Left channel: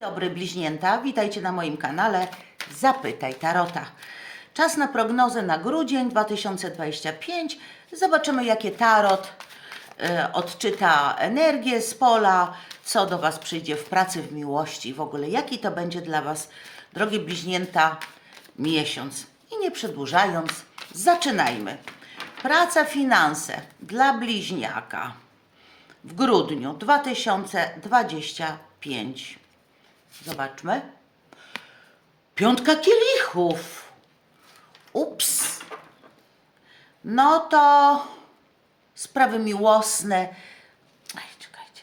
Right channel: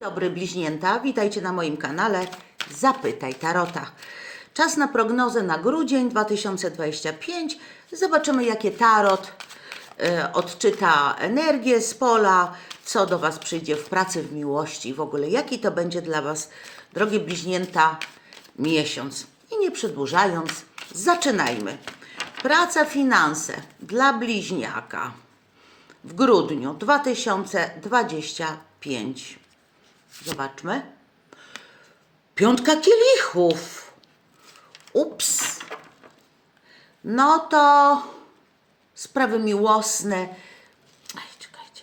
Dobry bliźnięta, witajcie na moim kanale Zapytaj Tarota. Czas na prognozę na grudzień 2025. Zobaczymy, jakie tarot e, odczyta energię z pola, co do Was przyjdzie w pracy, w miłości, w ogóle jaki to będzie dla Was, drogie bliźnięta, miesiąc. I nie przedłużając, zaczynajmy. Praca, finanse dla bliźniaka w grudniu 2025. Zobaczmy. Piątka kielichów. Ups. No to sprawy miłosne. Aj, czekajcie.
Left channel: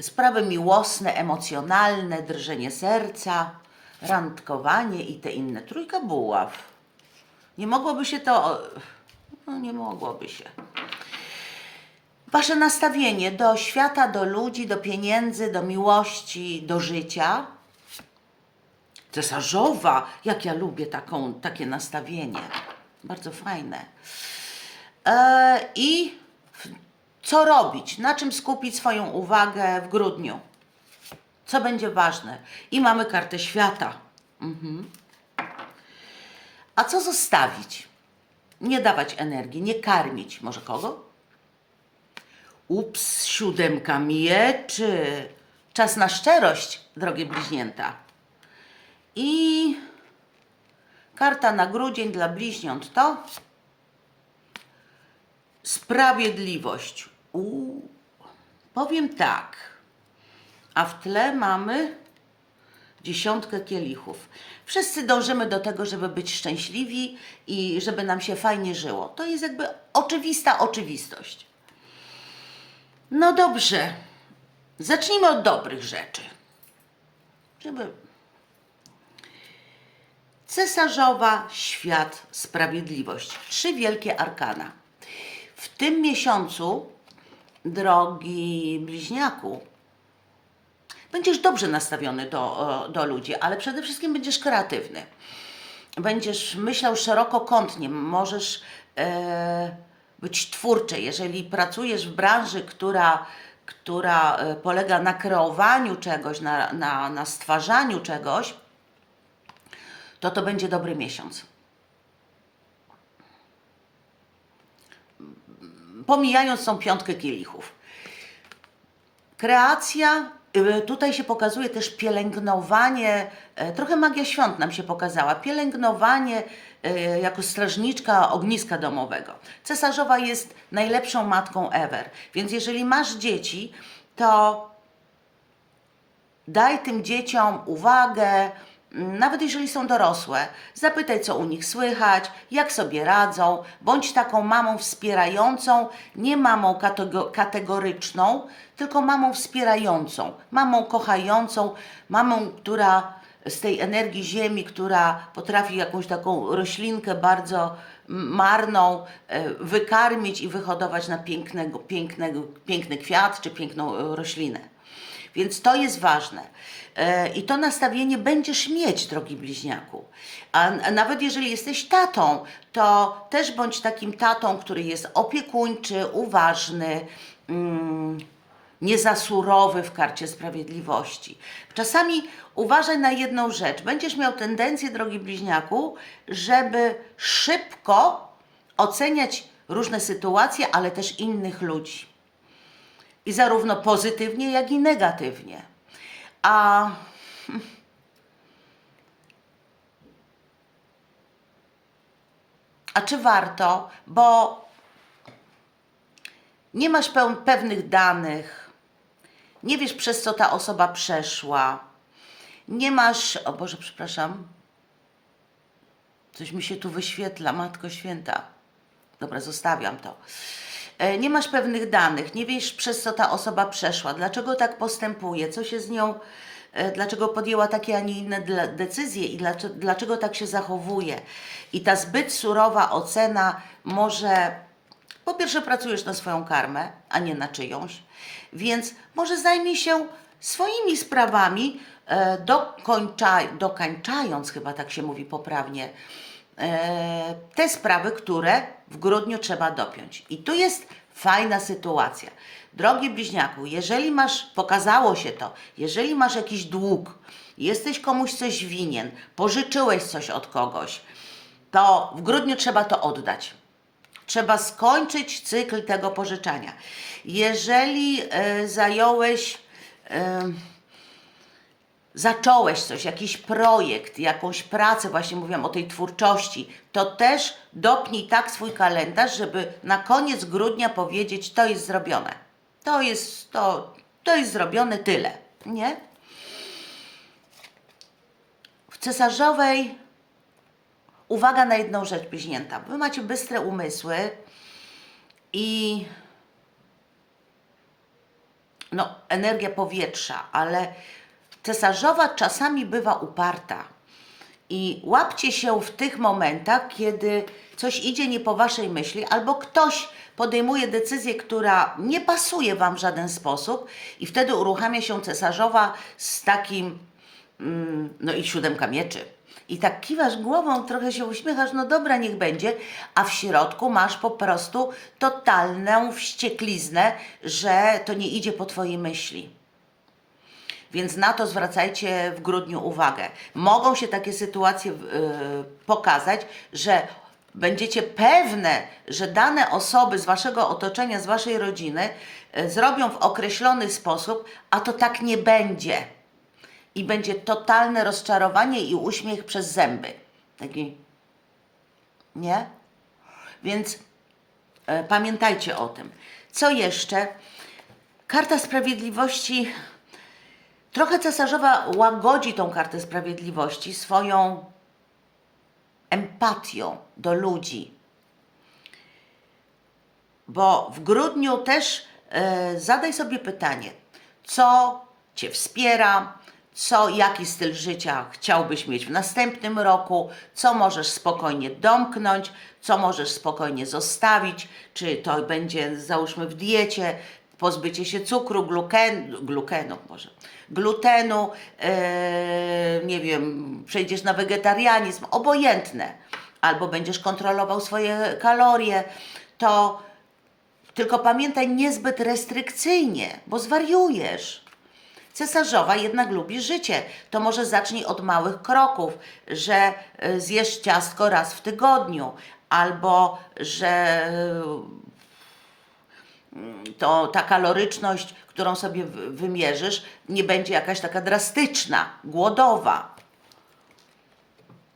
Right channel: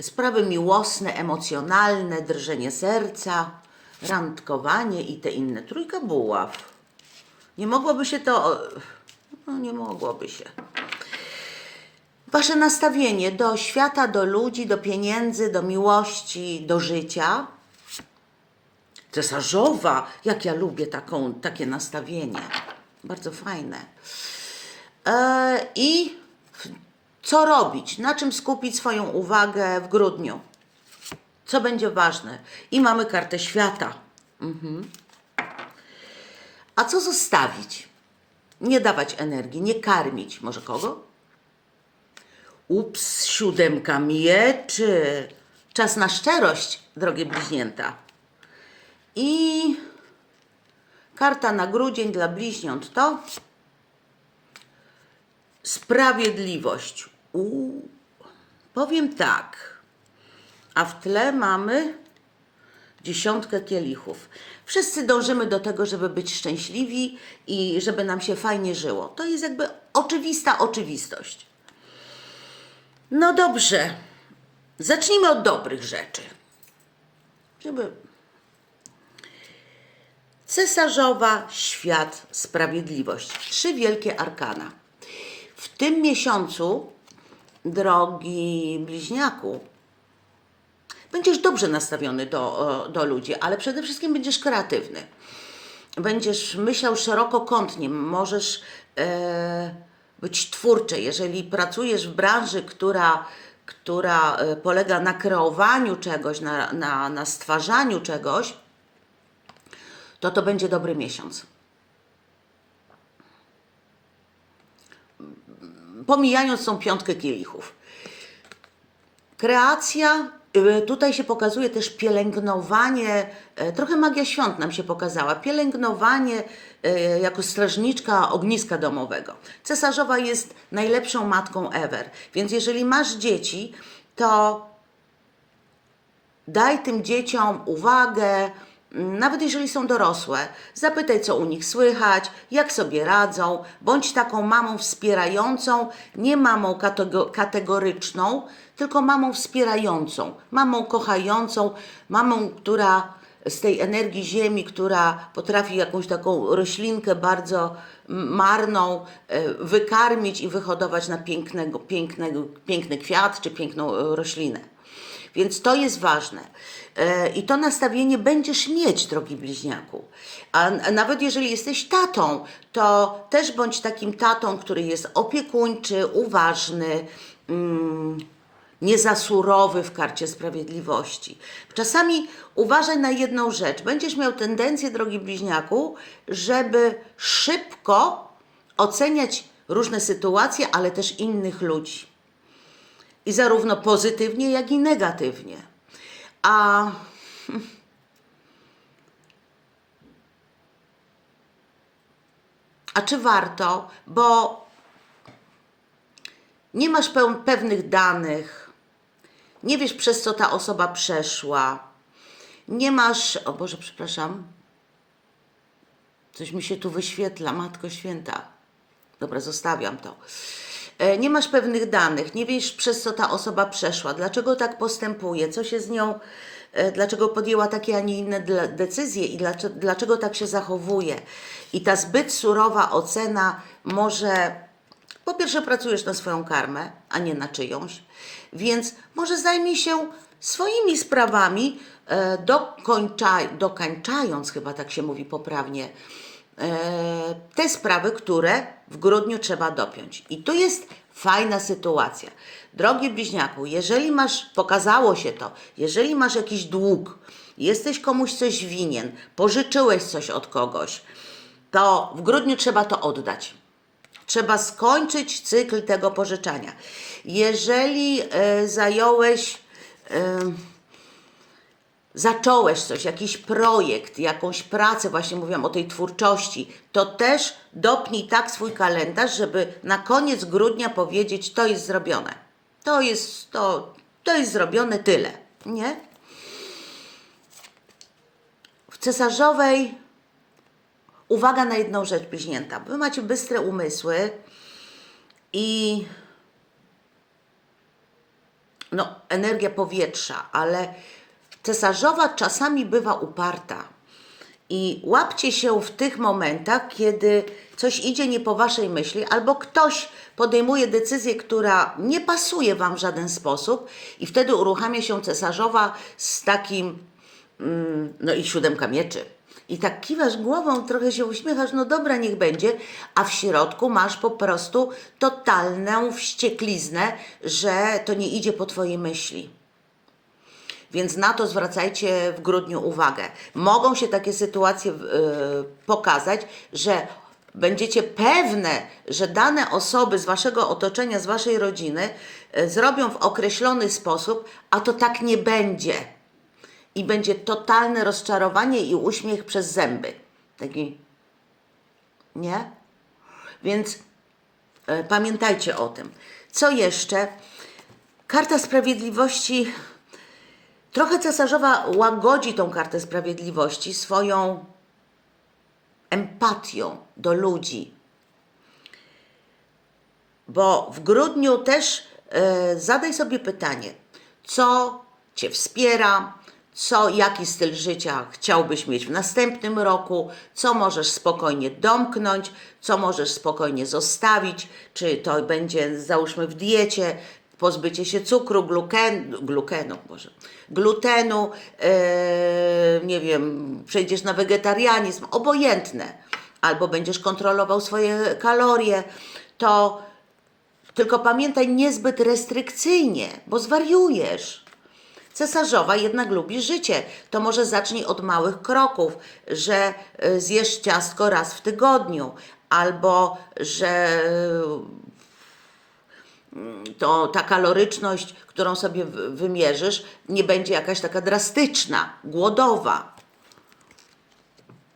Sprawy miłosne, emocjonalne, drżenie serca, randkowanie i te inne. Trójka buław. Nie mogłoby się to. No, nie mogłoby się. Wasze nastawienie do świata, do ludzi, do pieniędzy, do miłości, do życia. Cesarzowa, jak ja lubię taką, takie nastawienie. Bardzo fajne. E, I co robić? Na czym skupić swoją uwagę w grudniu? Co będzie ważne? I mamy kartę świata. Mhm. A co zostawić? Nie dawać energii, nie karmić. Może kogo? Ups, siódemka mieczy. Czas na szczerość, drogie bliźnięta. I karta na grudzień dla bliźniąt to sprawiedliwość. Powiem tak. A w tle mamy dziesiątkę kielichów. Wszyscy dążymy do tego, żeby być szczęśliwi i żeby nam się fajnie żyło. To jest jakby oczywista oczywistość. No dobrze. Zacznijmy od dobrych rzeczy. Żeby. Cesarzowa, świat, sprawiedliwość. Trzy wielkie arkana. W tym miesiącu, drogi bliźniaku, będziesz dobrze nastawiony do, do ludzi, ale przede wszystkim będziesz kreatywny. Będziesz myślał szerokokątnie, możesz e, być twórczy. Jeżeli pracujesz w branży, która, która e, polega na kreowaniu czegoś, na, na, na stwarzaniu czegoś, to to będzie dobry miesiąc. Pomijając tą piątkę kielichów. Kreacja, y, tutaj się pokazuje też pielęgnowanie, e, trochę magia świąt nam się pokazała, pielęgnowanie jako strażniczka ogniska domowego. Cesarzowa jest najlepszą matką ever, więc jeżeli masz dzieci, to daj tym dzieciom uwagę, mm, nawet jeżeli są dorosłe, zapytaj, co u nich słychać, jak sobie radzą, bądź taką mamą wspierającą, nie mamą katego- kategoryczną, tylko mamą wspierającą, mamą kochającą, mamą, która z tej energii ziemi, która potrafi jakąś taką roślinkę bardzo marną e, wykarmić i wyhodować na pięknego, pięknego, piękny kwiat czy piękną e, roślinę. Więc to jest ważne. E, I to nastawienie będziesz mieć, drogi bliźniaku. A a nawet jeżeli jesteś tatą, to też bądź takim tatą, który jest opiekuńczy, uważny, mm, nie za surowy w karcie sprawiedliwości. Czasami uważaj na jedną rzecz. Będziesz miał tendencję, drogi bliźniaku, żeby szybko oceniać różne sytuacje, ale też innych ludzi. I zarówno pozytywnie, jak i negatywnie. A A czy warto? Bo nie masz pewnych danych, nie wiesz przez co ta osoba przeszła, nie masz. O Boże, przepraszam. Coś mi się tu wyświetla, Matko Święta. Dobra, zostawiam to. E, Nie masz pewnych danych, nie wiesz przez co ta osoba przeszła, dlaczego tak postępuje, co się z nią, e, dlaczego podjęła takie, a nie inne decyzje i dlaczego, tak się zachowuje. I ta zbyt surowa ocena może, po pierwsze, pracujesz na swoją karmę, a nie na czyjąś, więc może zajmij się swoimi sprawami, dokończa, dokańczając, chyba tak się mówi poprawnie, e, te sprawy, które w grudniu trzeba dopiąć. I tu jest fajna sytuacja. Drogi bliźniaku, jeżeli masz, pokazało się to, jeżeli masz jakiś dług, jesteś komuś coś winien, pożyczyłeś coś od kogoś, to w grudniu trzeba to oddać. Trzeba skończyć cykl tego pożyczania. Jeżeli e, zająłeś, e, zacząłeś coś, jakiś projekt, jakąś pracę, właśnie mówiłam o tej twórczości, to też dopnij tak swój kalendarz, żeby na koniec grudnia powiedzieć, to jest zrobione. To jest, to, to jest zrobione tyle, nie? W cesarzowej uwaga na jedną rzecz bliźnięta. Wy macie bystre umysły i no, energia powietrza, ale cesarzowa czasami bywa uparta. I łapcie się w tych momentach, kiedy coś idzie nie po waszej myśli, albo ktoś podejmuje decyzję, która nie pasuje wam w żaden sposób, i wtedy uruchamia się cesarzowa z takim, mm, no i siódemka mieczy. I tak kiwasz głową, trochę się uśmiechasz, no dobra, niech będzie, a w środku masz po prostu totalną wściekliznę, że to nie idzie po twojej myśli. Więc na to zwracajcie w grudniu uwagę. Mogą się takie sytuacje yy, pokazać, że będziecie pewne, że dane osoby z waszego otoczenia, z waszej rodziny yy, zrobią w określony sposób, a to tak nie będzie. I będzie totalne rozczarowanie i uśmiech przez zęby. Taki. Nie? Więc e, pamiętajcie o tym. Co jeszcze? Karta Sprawiedliwości Trochę cesarzowa łagodzi tą kartę sprawiedliwości swoją empatią do ludzi. Bo w grudniu też e, zadaj sobie pytanie, co Cię wspiera, co, jaki styl życia chciałbyś mieć w następnym roku, co możesz spokojnie domknąć, co możesz spokojnie zostawić, czy to będzie, załóżmy, w diecie, pozbycie się cukru, gluken, glukenu, może, glutenu, e, nie wiem, przejdziesz na wegetarianizm, obojętne, albo będziesz kontrolował swoje kalorie, to tylko pamiętaj niezbyt restrykcyjnie, bo zwariujesz. Cesarzowa jednak lubi życie. To może zacznij od małych kroków, że y, zjesz ciastko raz w tygodniu, albo że to ta kaloryczność, którą sobie wy- wymierzysz, nie będzie jakaś taka drastyczna, głodowa.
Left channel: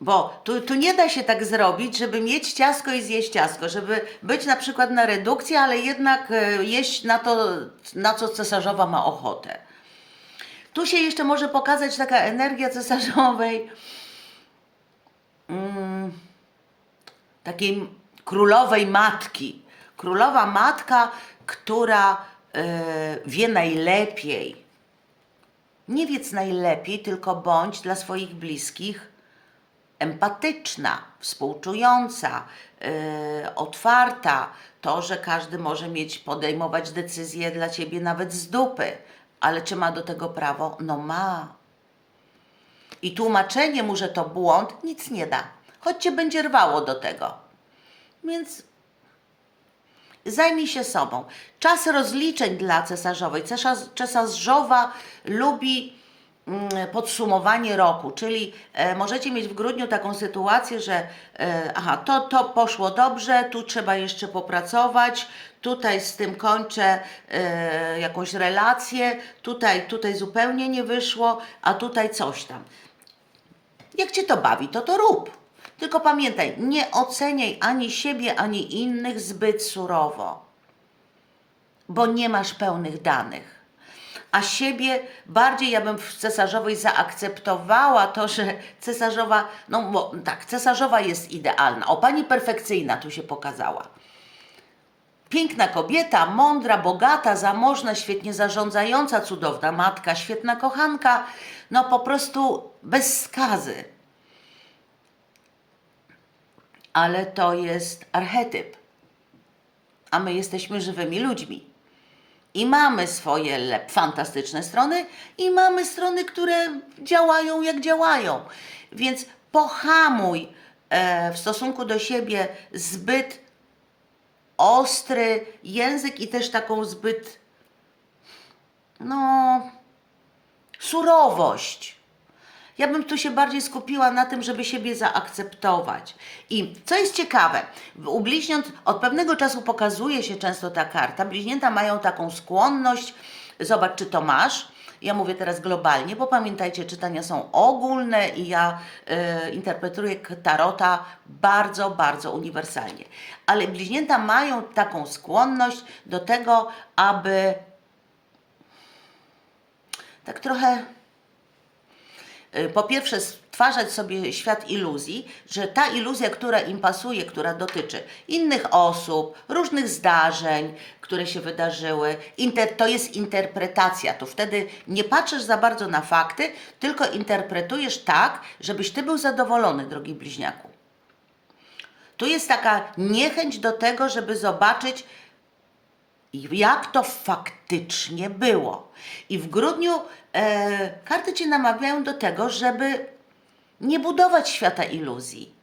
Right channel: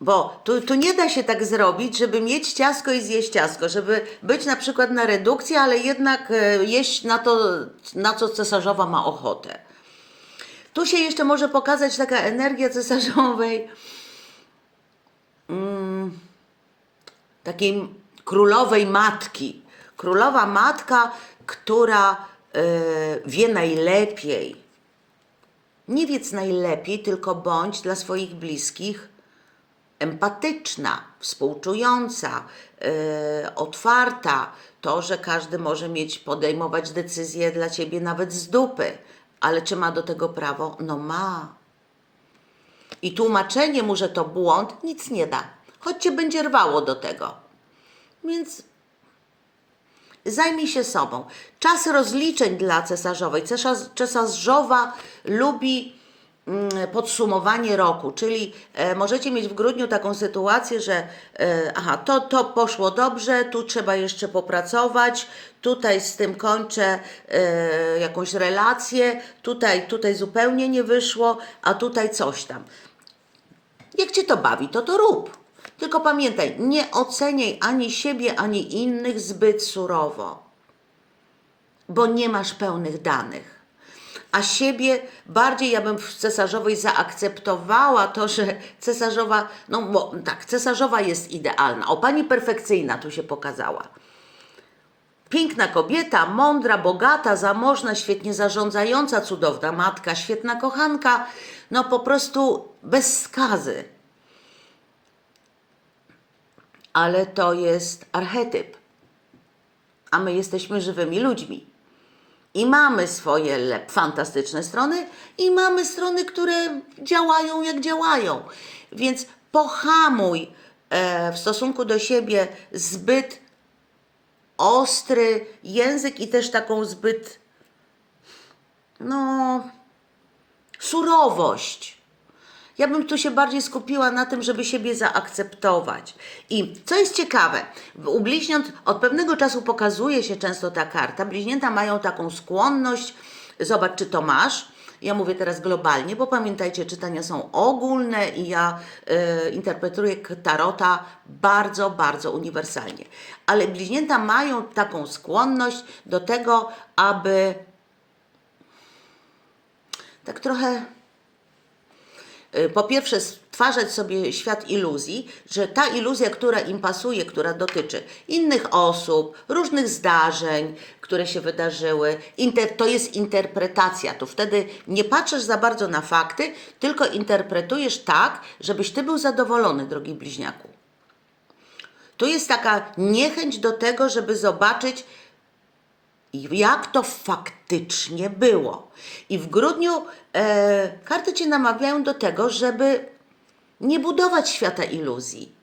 Bo tu, tu nie da się tak zrobić, żeby mieć ciasko i zjeść ciasko, żeby być na przykład na redukcji, ale jednak e, jeść na to, na co cesarzowa ma ochotę. Tu się jeszcze może pokazać taka energia cesarzowej, mm, takiej królowej matki. Królowa matka, która wie najlepiej. Nie wiedz najlepiej, tylko bądź dla swoich bliskich empatyczna, współczująca, yy, otwarta. To, że każdy może mieć, podejmować decyzje dla ciebie nawet z dupy, ale czy ma do tego prawo? No ma. I tłumaczenie mu, że to błąd, nic nie da, choć cię będzie rwało do tego. Więc zajmij się sobą. Czas rozliczeń dla cesarzowej. Cesarz, cesarzowa lubi mm, podsumowanie roku, czyli e, możecie mieć w grudniu taką sytuację, że e, aha, to, to poszło dobrze, tu trzeba jeszcze popracować, tutaj z tym kończę e, jakąś relację, tutaj, tutaj zupełnie nie wyszło, a tutaj coś tam. Jak cię to bawi, to to rób. Tylko pamiętaj, nie oceniaj ani siebie, ani innych zbyt surowo, bo nie masz pełnych danych. A siebie bardziej ja bym w cesarzowej zaakceptowała to, że cesarzowa, no bo tak, cesarzowa jest idealna. O, pani perfekcyjna tu się pokazała. Piękna kobieta, mądra, bogata, zamożna, świetnie zarządzająca, cudowna matka, świetna kochanka, no po prostu bez skazy. Ale to jest archetyp, a my jesteśmy żywymi ludźmi. I mamy swoje fantastyczne strony, i mamy strony, które działają jak działają. Więc pohamuj e, w stosunku do siebie zbyt ostry język i też taką zbyt no, surowość. Ja bym tu się bardziej skupiła na tym, żeby siebie zaakceptować. I co jest ciekawe, u bliźniąt od pewnego czasu pokazuje się często ta karta. Bliźnięta mają taką skłonność, zobacz, czy to masz. Ja mówię teraz globalnie, bo pamiętajcie, czytania są ogólne i ja y, interpretuję tarota bardzo, bardzo uniwersalnie. Ale bliźnięta mają taką skłonność do tego, aby tak trochę po pierwsze stwarzać sobie świat iluzji, że ta iluzja, która im pasuje, która dotyczy innych osób, różnych zdarzeń, które się wydarzyły, inter, to jest interpretacja. To wtedy nie patrzysz za bardzo na fakty, tylko interpretujesz tak, żebyś ty był zadowolony, drogi bliźniaku. Tu jest taka niechęć do tego, żeby zobaczyć, jak to faktycznie było. I w grudniu e, karty Cię namawiają do tego, żeby nie budować świata iluzji.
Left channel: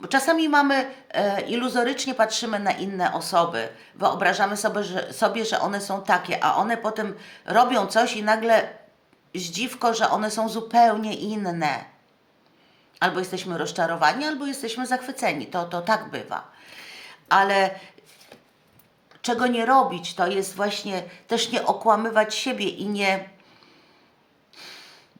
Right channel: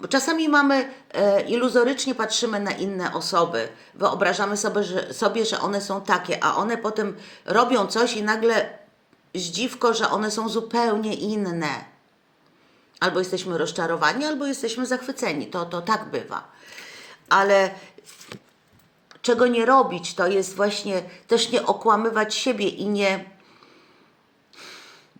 Bo czasami mamy, e, iluzorycznie patrzymy na inne osoby, wyobrażamy sobie że, sobie, że one są takie, a one potem robią coś i nagle zdziwko, że one są zupełnie inne. Albo jesteśmy rozczarowani, albo jesteśmy zachwyceni. To, to tak bywa. Ale czego nie robić, to jest właśnie też nie okłamywać siebie i nie,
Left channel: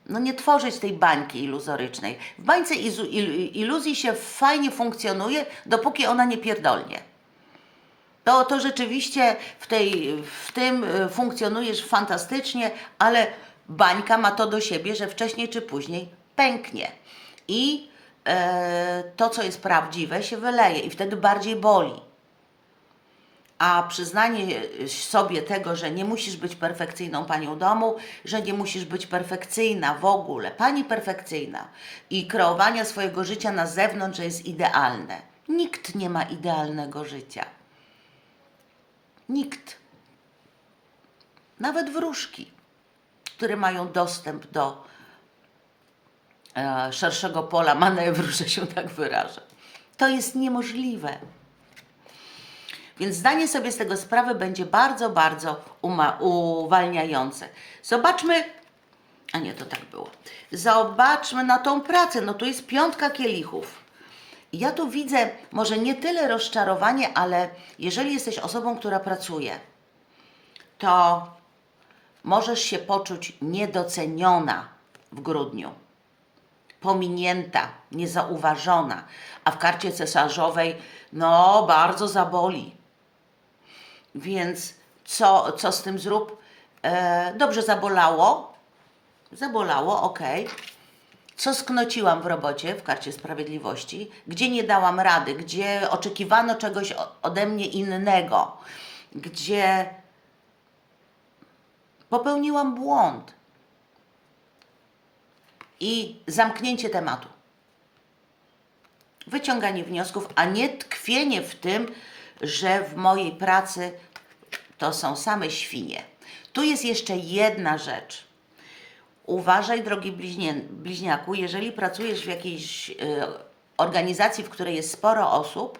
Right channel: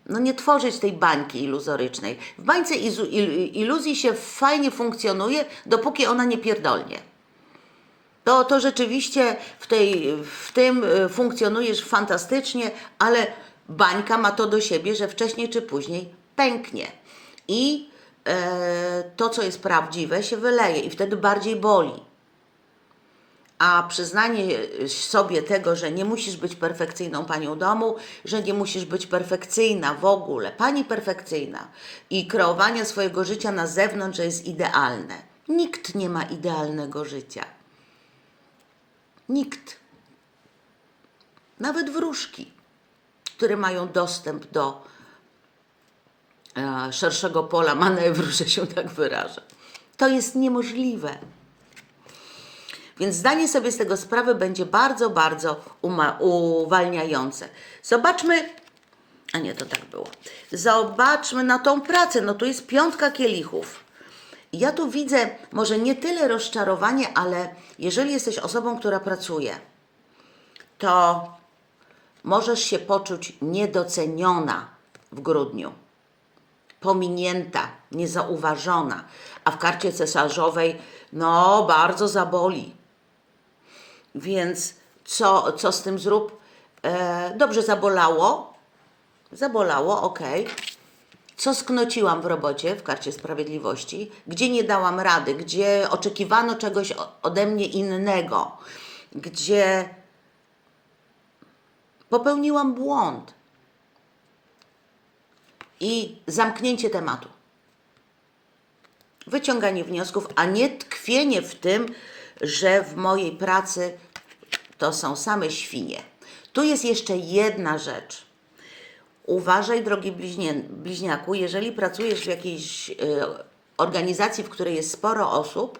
no nie tworzyć tej bańki iluzorycznej. W bańce iluzji się fajnie funkcjonuje, dopóki ona nie pierdolnie. To, to rzeczywiście w, tej, w tym y, funkcjonujesz fantastycznie, ale bańka ma to do siebie, że wcześniej czy później pęknie. I e, to, co jest prawdziwe, się wyleje i wtedy bardziej boli. A przyznanie sobie tego, że nie musisz być perfekcyjną panią domu, że nie musisz być perfekcyjna w ogóle, pani perfekcyjna i kreowania swojego życia na zewnątrz, że jest idealne. Nikt nie ma idealnego życia. Nikt. Nawet wróżki, które mają dostęp do e, szerszego pola manewru, że się tak wyrażę. To jest niemożliwe. Więc zdanie sobie z tego sprawy będzie bardzo, bardzo uwalniające. Zobaczmy, a nie, to tak było. Zobaczmy na tą pracę. No tu jest piątka kielichów. Ja tu widzę może nie tyle rozczarowanie, ale jeżeli jesteś osobą, która pracuje, to możesz się poczuć niedoceniona w grudniu pominięta, niezauważona, a w karcie cesarzowej, no, bardzo zaboli. Więc co, co z tym zrób? E, dobrze zabolało. Zabolało, ok. Co sknociłam w robocie w karcie sprawiedliwości? Gdzie nie dałam rady? Gdzie oczekiwano czegoś ode mnie innego? Gdzie popełniłam błąd? i zamknięcie tematu. Wyciąganie wniosków, a nie tkwienie w tym, że w mojej pracy to są same świnie. Tu jest jeszcze jedna rzecz. Uważaj, drogi bliźnie, bliźniaku, jeżeli pracujesz w jakiejś y, organizacji, w której jest sporo osób,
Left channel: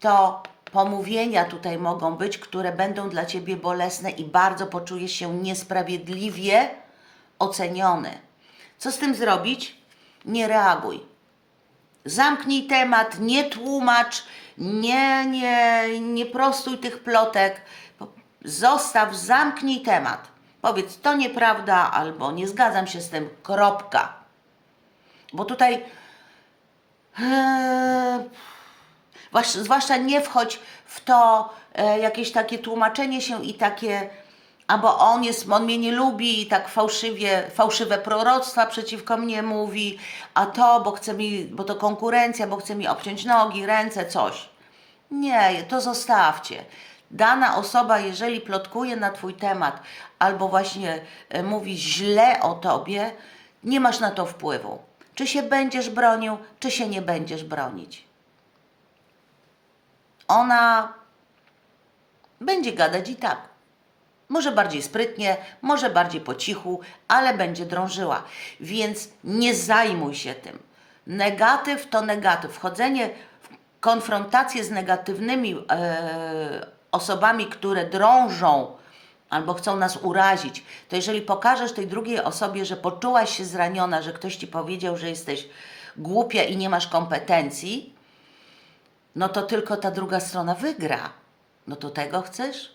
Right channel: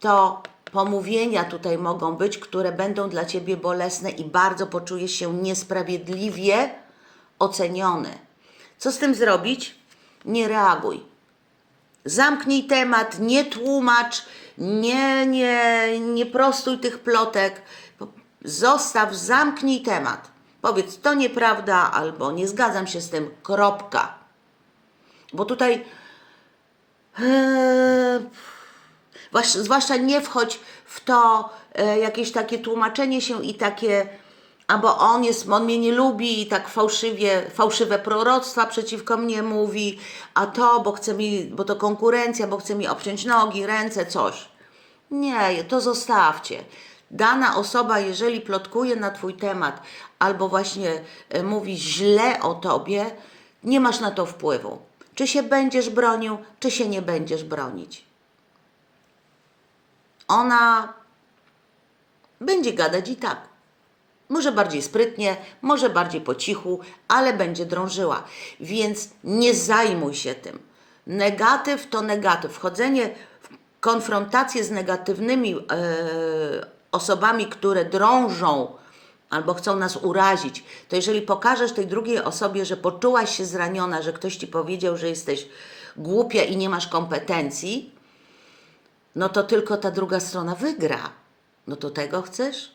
to pomówienia tutaj mogą być, które będą dla Ciebie bolesne i bardzo poczujesz się niesprawiedliwie oceniony. Co z tym zrobić? Nie reaguj. Zamknij temat, nie tłumacz, nie, nie, nie prostuj tych plotek. Zostaw, zamknij temat. Powiedz, to nieprawda, albo nie zgadzam się z tym, kropka. Bo tutaj Zwłasz- Zwłaszcza nie wchodź w to e, jakieś takie tłumaczenie się i takie, albo on jest, on mnie nie lubi i tak fałszywie, fałszywe proroctwa przeciwko mnie mówi, a to, bo chce mi, bo to konkurencja, bo chce mi obciąć nogi, ręce, coś. Nie, to zostawcie. Dana osoba, jeżeli plotkuje na Twój temat albo właśnie e, mówi źle o Tobie, nie masz na to wpływu. Czy się będziesz bronił, czy się nie będziesz bronić. Ona będzie gadać i tak. Może bardziej sprytnie, może bardziej po cichu, ale będzie drążyła. Więc nie zajmuj się tym. Negatyw to negatyw. Wchodzenie w konfrontację z negatywnymi e, osobami, które drążą albo chcą nas urazić, to jeżeli pokażesz tej drugiej osobie, że poczułaś się zraniona, że ktoś ci powiedział, że jesteś głupia i nie masz kompetencji, no to tylko ta druga strona wygra. No to tego chcesz?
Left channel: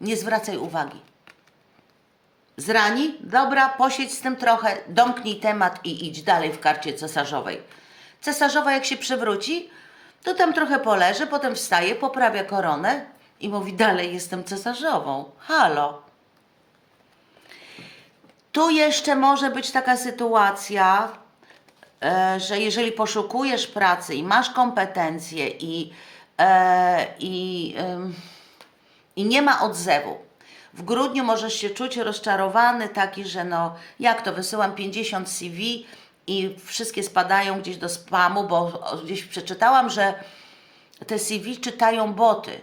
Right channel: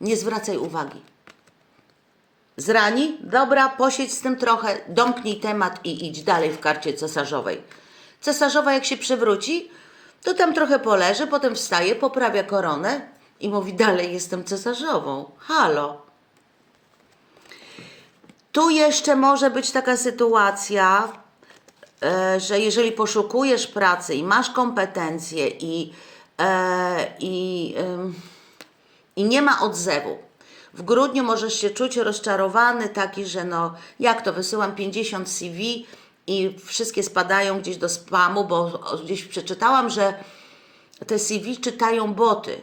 Nie zwracaj uwagi. Zrani? Dobra, posiedź z tym trochę, domknij temat i idź dalej w karcie cesarzowej. Cesarzowa jak się przewróci, to tam trochę poleży, potem wstaje, poprawia koronę i mówi dalej jestem cesarzową. Halo. Tu jeszcze może być taka sytuacja, e, że jeżeli poszukujesz pracy i masz kompetencje i, e, i, i nie ma odzewu, w grudniu możesz się czuć rozczarowany, taki, że no jak to, wysyłam 50 CV i wszystkie spadają gdzieś do spamu, bo gdzieś przeczytałam, że te CV czytają boty.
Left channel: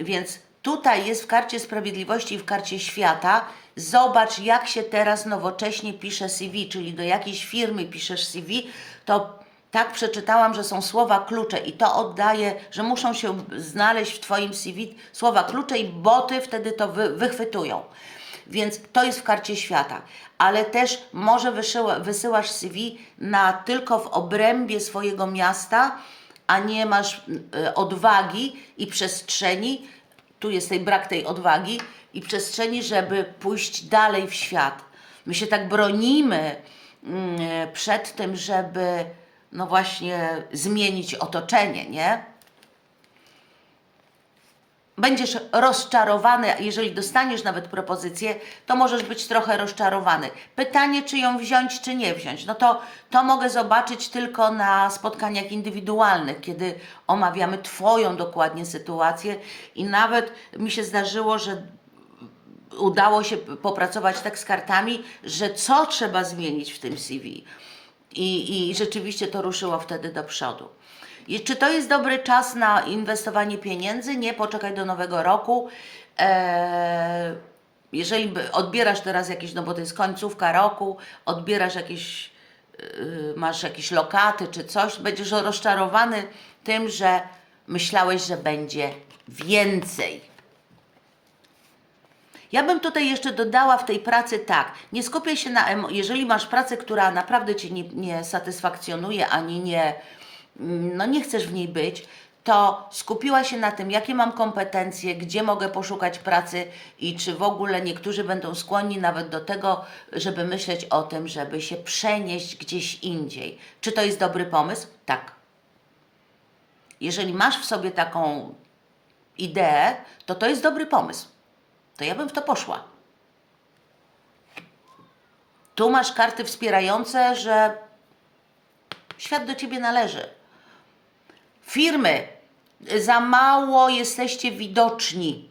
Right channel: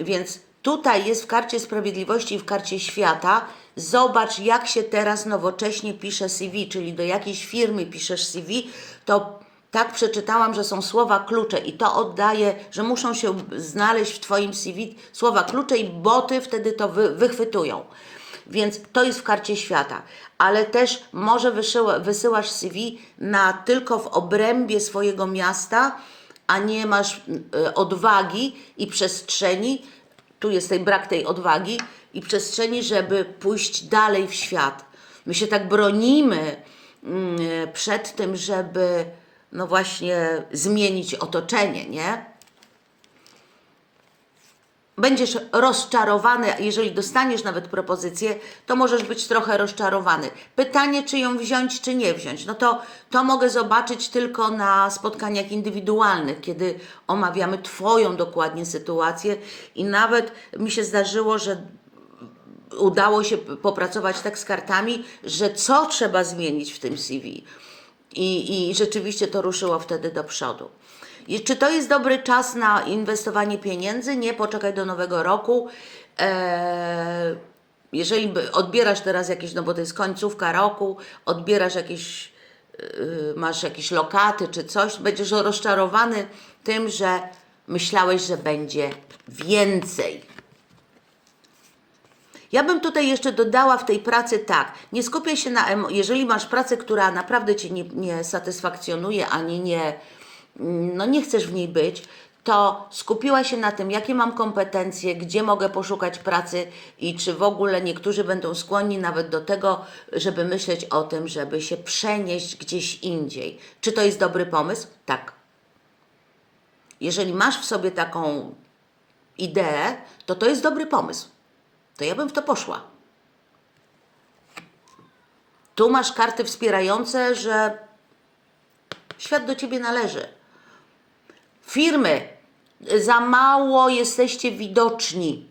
Więc tutaj jest w karcie sprawiedliwości i w karcie świata. Zobacz, jak się teraz nowocześnie pisze CV, czyli do jakiejś firmy piszesz CV, to tak przeczytałam, że są słowa klucze i to oddaje, że muszą się znaleźć w Twoim CV słowa klucze i boty wtedy to wy, wychwytują. Więc to jest w karcie świata. Ale też może wysyła, wysyłasz CV na tylko w obrębie swojego miasta, a nie masz y, odwagi i przestrzeni, tu jest tej brak tej odwagi i przestrzeni, żeby pójść dalej w świat. My się tak bronimy mm, przed tym, żeby no właśnie zmienić otoczenie, nie? Będziesz rozczarowany, jeżeli dostaniesz nawet propozycję, to możesz być trochę rozczarowany. Pytanie, czy ją wziąć, czy nie wziąć. No to, to mogę zobaczyć tylko na spotkaniach indywidualnych, kiedy omawiamy Twoją dokładnie sytuację i nawet mi się zdarzyło, że udało się popracować tak z kartami, że co trzeba zmienić w tym CV. I, I rzeczywiście to ruszyło wtedy do przodu. I czy to jest dobry czas na inwestowanie pieniędzy? Nie, poczekaj do nowego roku. Eee, jeżeli odbierasz teraz jakieś, no bo to jest końcówka roku, odbierasz jakieś, yy, masz jakieś lokaty czy coś, będziesz rozczarowany tym, że myślałeś, że będzie więcej. Ja bym tutaj jeszcze dodała w tej pracy tak, nie skupiaj się na jeżeli masz pracę, która naprawdę Cię nie, nie satysfakcjonuje, ani nie, no nie chcesz w niej być, to skupiła się na tym, jakie mam kompetencje, gdzie mogę poszukać pracy i czy w ogóle niektórzy będą skłonni nawet do tego, żeby myśleć o tym, żeby się przenieść gdzieś indziej. Czy to jest dobry pomysł? Tak. Jeżeli masz w sobie taką ideę, to to jest dobry pomysł to ja bym w to poszła. Tu masz karty wspierające, że świat do ciebie należy. Firmy, za mało jesteście widoczni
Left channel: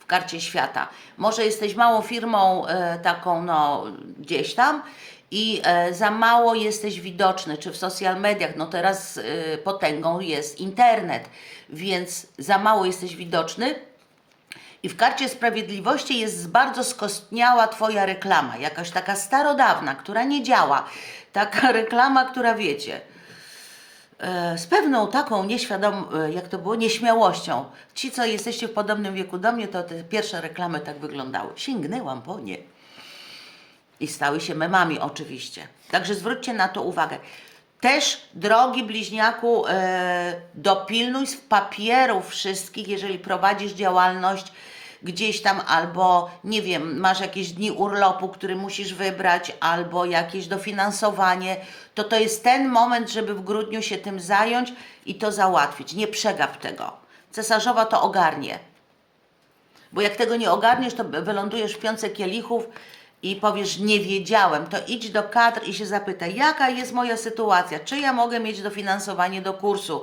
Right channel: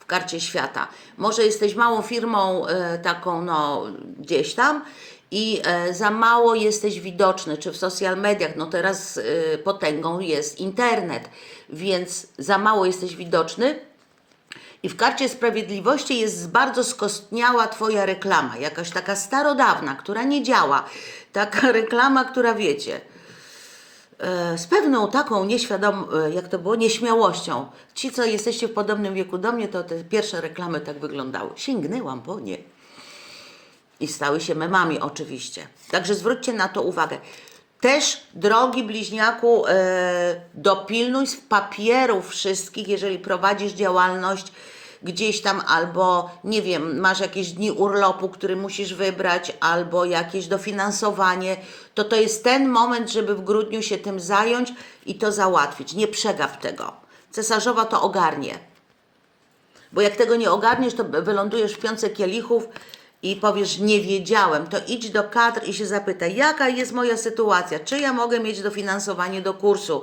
w karcie świata. Może jesteś małą firmą e, taką, no gdzieś tam i e, za mało jesteś widoczny, czy w social mediach. No teraz e, potęgą jest internet, więc za mało jesteś widoczny, i w karcie sprawiedliwości jest bardzo skostniała Twoja reklama, jakaś taka starodawna, która nie działa. Taka reklama, która wiecie, z pewną taką nieświadom, e, jak to było, nieśmiałością. Ci, co jesteście w podobnym wieku do mnie, to te pierwsze reklamy tak wyglądały. Sięgnęłam po nie. I stały się memami oczywiście. Także zwróćcie na to uwagę. Też, drogi bliźniaku, e, dopilnuj z papierów wszystkich, jeżeli prowadzisz działalność gdzieś tam, albo nie wiem, masz jakieś dni urlopu, który musisz wybrać, albo jakieś dofinansowanie, to to jest ten moment, żeby w grudniu się tym zająć i to załatwić. Nie przegap tego. Cesarzowa to ogarnie. Bo jak tego nie ogarniesz, to wylądujesz w piące kielichów i powiesz, nie wiedziałem, to idź do kadr i się zapytaj, jaka jest moja sytuacja, czy ja mogę mieć dofinansowanie do kursu,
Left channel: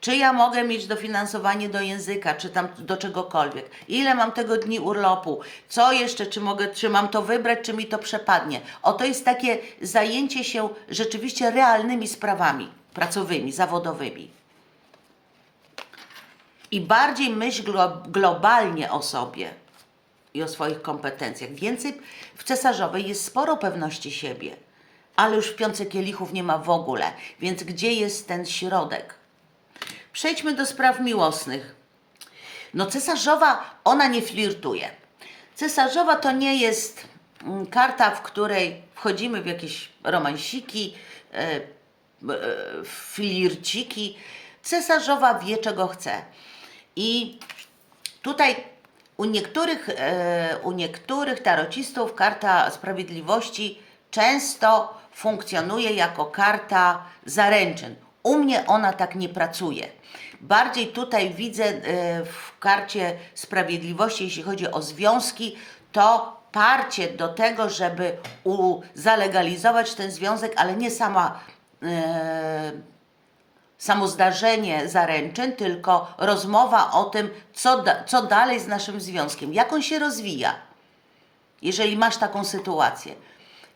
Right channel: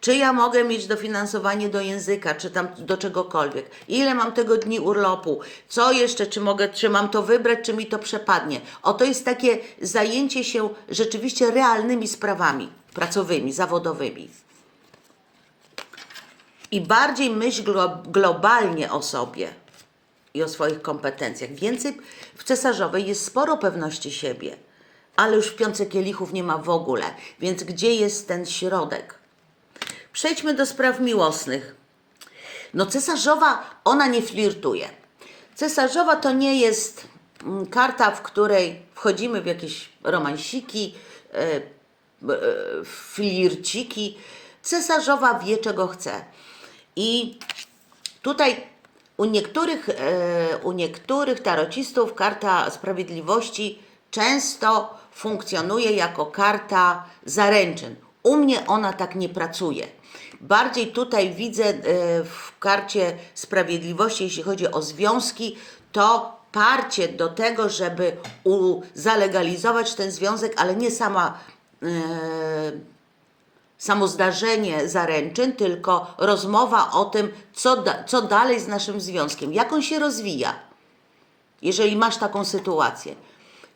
czy ja mogę mieć dofinansowanie do języka, czy tam do czegokolwiek, ile mam tego dni urlopu, co jeszcze, czy mogę, czy mam to wybrać, czy mi to przepadnie. O, to jest takie zajęcie się rzeczywiście realnymi sprawami pracowymi, zawodowymi. I bardziej myśl glo globalnie o sobie i o swoich kompetencjach. Więcej w cesarzowej jest sporo pewności siebie, ale już w piące kielichów nie ma w ogóle. Więc gdzie jest ten środek? Przejdźmy do spraw miłosnych. No cesarzowa, ona nie flirtuje. Cesarzowa to nie jest mm, karta, w której wchodzimy w jakieś romansiki, e, e, flirciki. Cesarzowa wie, czego chce. I tutaj u niektórych, e, u niektórych tarocistów karta sprawiedliwości często funkcjonuje jako karta zaręczyn. U mnie ona tak nie pracuje. Bardziej tutaj widzę e, w karcie sprawiedliwości, jeśli chodzi o związki, to parcie do tego, żeby zalegalizować ten związek, ale nie sama e, samo zdarzenie zaręczyn, tylko rozmowa o tym, co, da, co dalej z naszym związkiem, jak on się rozwija, jeżeli masz taką sytuację.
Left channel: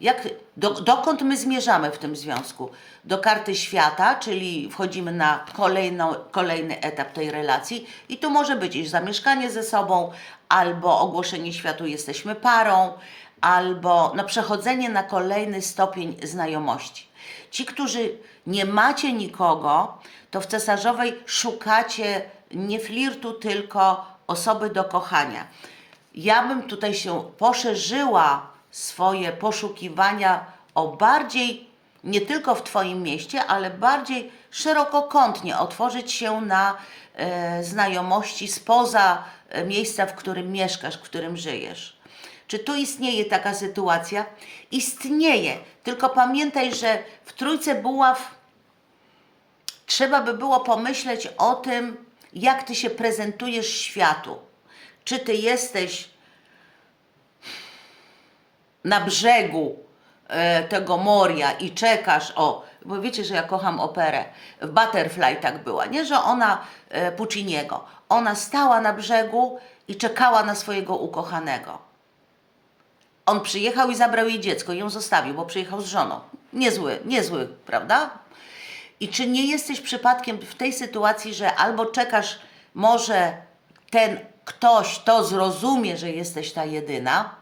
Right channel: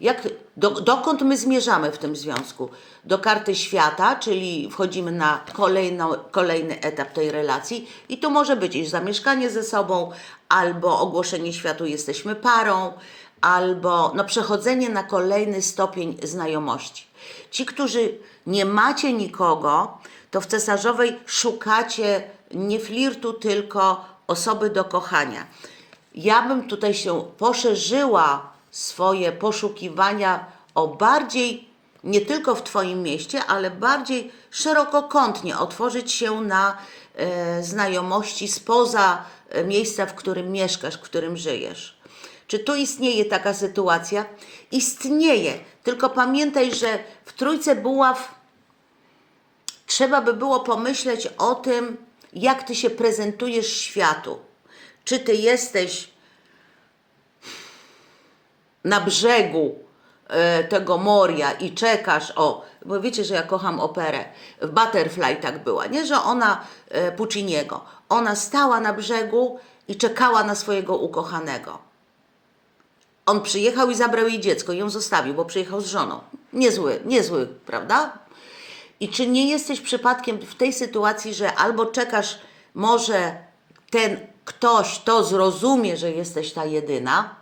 Jak, do, dokąd my zmierzamy w tym związku? Do karty świata, czyli wchodzimy na kolejną, kolejny etap tej relacji i tu może być już zamieszkanie ze sobą, albo ogłoszenie światu jesteśmy parą, albo no, przechodzenie na kolejny stopień znajomości. Ci, którzy nie macie nikogo, to w cesarzowej szukacie nie flirtu, tylko osoby do kochania. Ja bym tutaj się poszerzyła swoje poszukiwania o bardziej, nie tylko w Twoim mieście, ale bardziej szerokokątnie otworzyć się na e, znajomości spoza e, miejsca, w którym mieszkasz, w którym żyjesz. Czy tu istnieje taka sytuacja? Istnieje, tylko pamiętaj, że w Trójce Buław trzeba by było pomyśleć o tym, jak ty się prezentujesz światu. Czy ty jesteś na brzegu e, tego moria i czekasz, o, bo wiecie, że ja kocham operę. W Butterfly tak była, nie, że ona e, Pucciniego. Ona stała na brzegu i czekała na swojego ukochanego. On przyjechał i zabrał jej dziecko, ją zostawił, bo przyjechał z żoną. Niezły, niezły, prawda? I czy nie jesteś przypadkiem w tej sytuacji, że albo czekasz, może ten ktoś to zrozumie, że jesteś ta jedyna,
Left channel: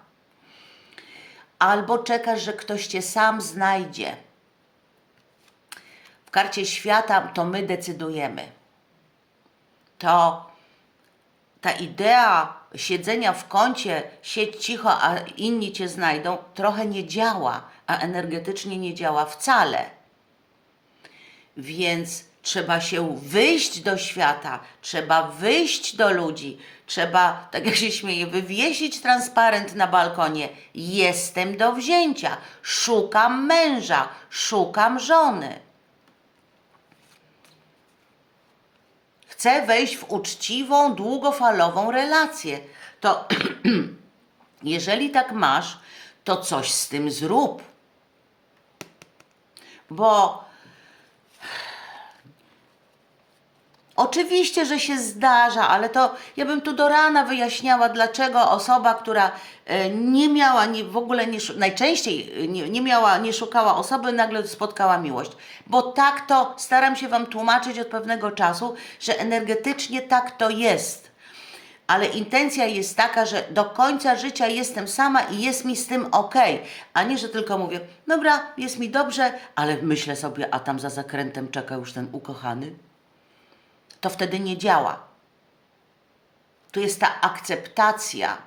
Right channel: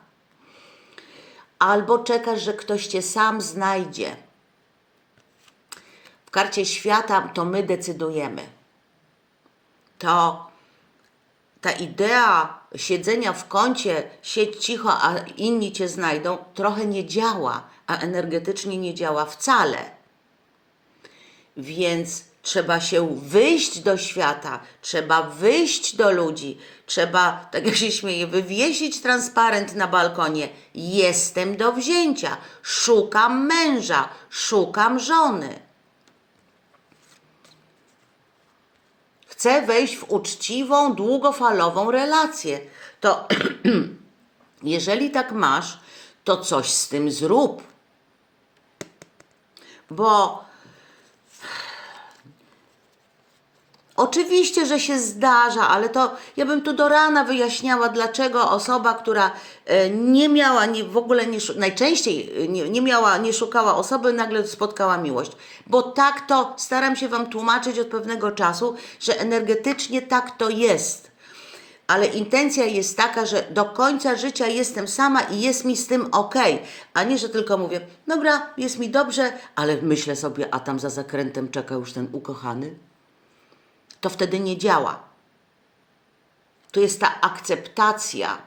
albo czekasz, że ktoś cię sam znajdzie. W karcie świata to my decydujemy. To ta idea siedzenia w kącie, siedź cicho, a inni cię znajdą, trochę nie działa, a energetycznie nie działa wcale. Więc trzeba się wyjść do świata, trzeba wyjść do ludzi, trzeba, tak jak się śmieje, wywiesić transparent na balkonie. Jestem do wzięcia, szukam męża, szukam żony. Chcę wejść w uczciwą, długofalową relację. To jeżeli tak masz, to coś z tym zrób. Bo Oczywiście, że się zdarza, ale to ja bym tu do rana wyjaśniała, dlaczego osoba, która e, nie miała, nie, w ogóle nie, najczęściej e, nie, nie miała, nie szukała osoby, nagle spotkała miłość. Bo tak to staram się Wam tłumaczyć od pewnego czasu, że energetycznie tak to jest. Ale intencja jest taka, że do końca życia jestem sama i jest mi z tym ok, a nie, że tylko mówię, dobra, jest mi dobrze, ale myślę sobie, a tam za zakrętem czeka już ten ukochany to wtedy nie działa. To jest ta akceptacja,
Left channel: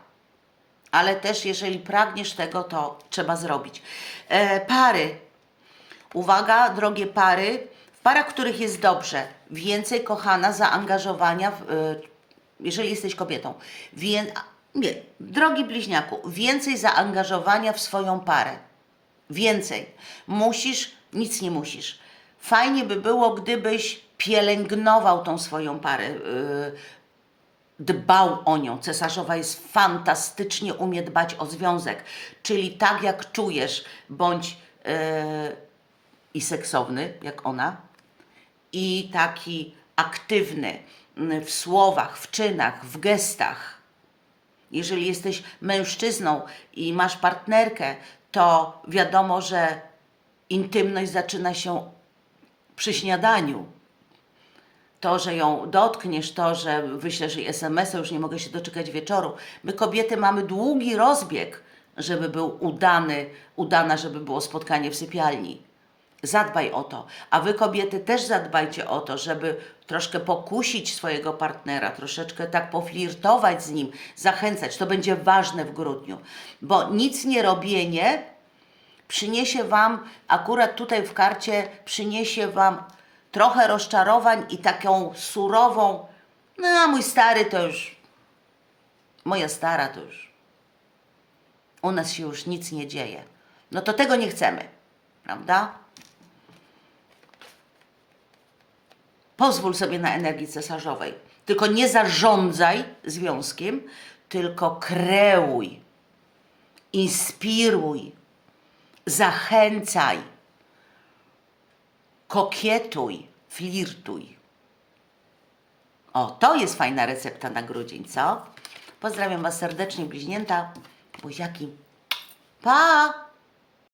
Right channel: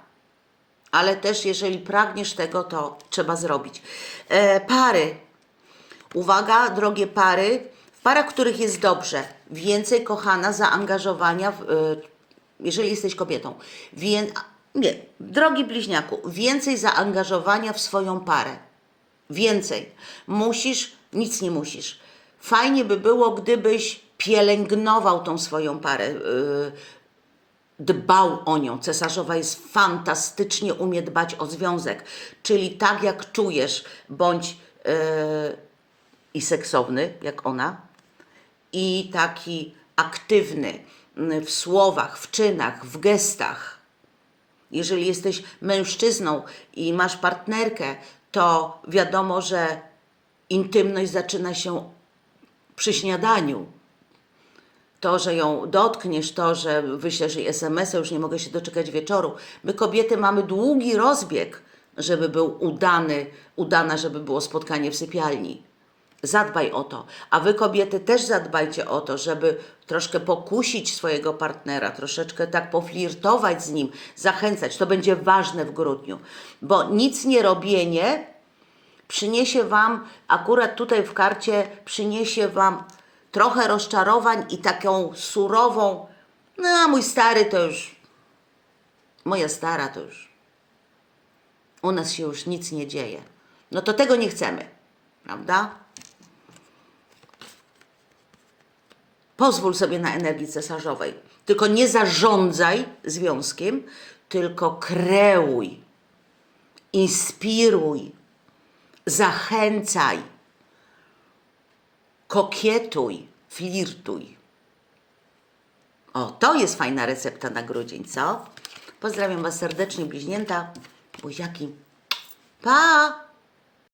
ale też jeżeli pragniesz tego, to trzeba zrobić. E, pary. Uwaga, drogie pary. W parach, których jest dobrze, więcej kochana zaangażowania, w, e, jeżeli jesteś kobietą. Wię, nie, drogi bliźniaku, więcej zaangażowania w swoją parę. Więcej. Musisz, nic nie musisz. Fajnie by było, gdybyś pielęgnował tą swoją parę, yy, dbał o nią. Cesarzowa jest fantastycznie umie dbać o związek, czyli tak jak czujesz, bądź yy, i seksowny, jak ona, i taki aktywny w słowach, w czynach, w gestach. Jeżeli jesteś mężczyzną i masz partnerkę, to wiadomo, że intymność zaczyna się przy śniadaniu. To, że ją dotkniesz, to, że wyślesz jej SMS-a, już nie mogę się doczekać wieczoru. My kobiety mamy długi rozbieg, żeby był udany, udana, żeby było spotkanie w sypialni. Zadbaj o to. A wy kobiety też zadbajcie o to, żeby troszkę pokusić swojego partnera, troszeczkę tak poflirtować z nim, zachęcać. To będzie ważne w grudniu, bo nic nie robienie przyniesie Wam, akurat tutaj w karcie, przyniesie Wam trochę rozczarowań i taką surową, no a mój stary to już, moja stara to już, u nas się już nic nie dzieje. No to tego nie chcemy, prawda? Pozwól sobie na energii cesarzowej. Tylko nie zarządzaj związkiem, tylko kreuj, inspiruj, zachęcaj, kokietuj, flirtuj. O, to jest fajna recepta na grudzień, co? Pozdrawiam Was serdecznie, bliźnięta, buziaki. Pa!